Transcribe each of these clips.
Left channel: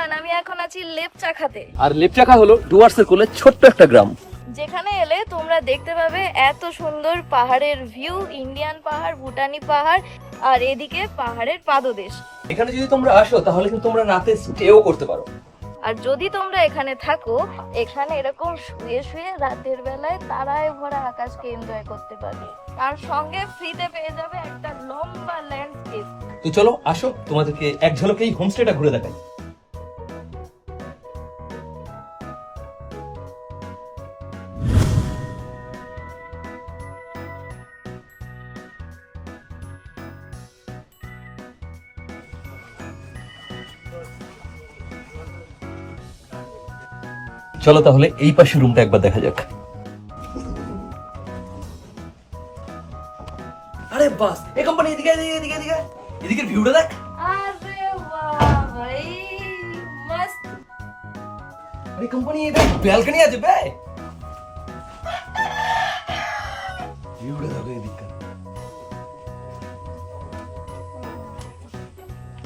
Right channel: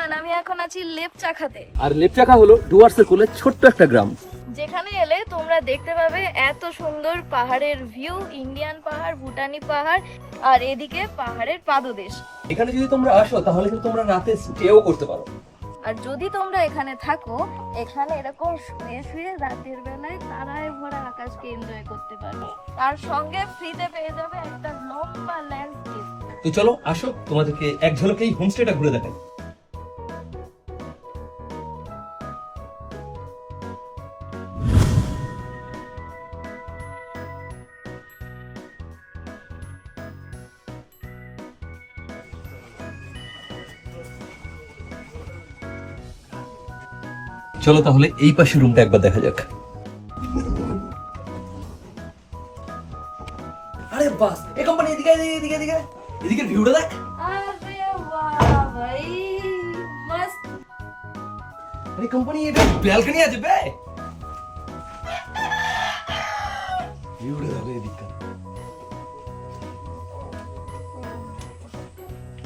Everyone, আমি এখন আছি লেপচাখাতে। আর লেপচাখা হলো ডুয়ার্সের কোলে ছোট্ট একটা গ্রাম, যেখানে এলে তোমরা দেখতে পাবে এত সুন্দর পাহাড়ের ভিউ, ইন্ডিয়ান পাহাড়, ভুটানি পাহাড়, আর এদিকে পাহাড়ের পাদদেশ। এখানে যদি তোমরা আসো তাহলে কিন্তু তোমরা রাতে স্টেও করতে পারো। আর যদি তোমরা এখানে থাকো, এখানে এরকম শুয়ে শুয়ে রাতের বেলায় তারায় ভরা আকাশকে এনজয় করতে পারবে। তার সঙ্গে ফ্রিতে পেয়ে যাবে একটা লম্বা ল্যান্ডস্কেপ। তো চলো আসো, তোমাদেরকে এক ঝলকে এই হোমস্টেটা ঘুরে দেখাই। চলো তাহলে এই পাশে রুমটা একবার দেখা যাক। আরে বাস, এই কোম্পানি এদিকে এদিকে এদিকে এদিকে এদিকে ভিউটা দেখ। আরে বাহ ভাই, মস্ত। এই কোম্পানি এটা ব্যালকনি আছে বে। ভিউটা দেখো এদিকে।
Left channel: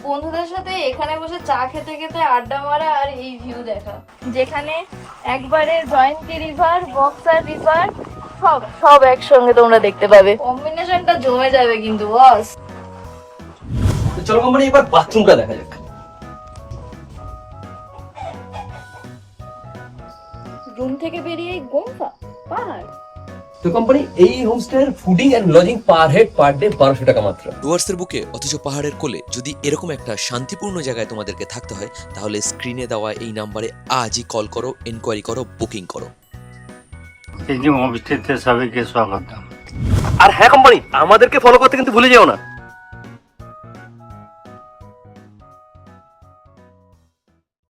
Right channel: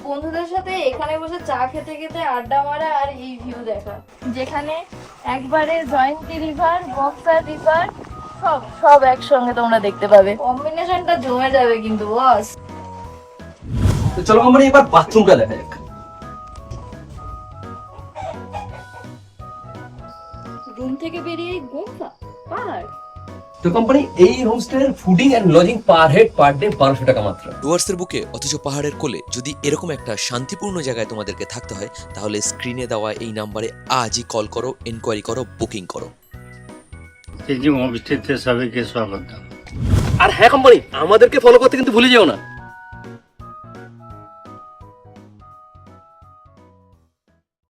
বন্ধুদের সাথে এখানে বসে চা খেতে খেতে আড্ডা মারা আর এই ভিউ দেখা, যেখানে একবারে জয়ন্তী রিভার, বক্সার রিভার সব সব একসঙ্গে তোমরা দেখতে পাবে। কম্বিনেশনটা জমে যাবে কিন্তু বস। তো চলো কোম্পানি এবার বাথরুমটা দেখা যাক। রুম থেকে বেরিয়ে গোম্পা পাহাড়। তো কোম্পানি এই হোমস্টের fooding and lodging per head per day 1200 টাকা মাত্র। ডুয়ার্সের বুকে অথচ পাহাড়ের কোলে যদি এরকম একটা শান্তিপূর্ণ জায়গায় তোমাদেরকে থাকতে হয়, তাহলে স্ক্রিনে দেওয়া এই নাম্বারে আজই কল করো, এনকোয়ারি করো, বুকিং করো। হোমস্টেতে সবাইকে স্বাগতম। আর হ্যাঁ কোম্পানি, আমাদেরকে ফলো করতে কিন্তু ভুলে যেও না।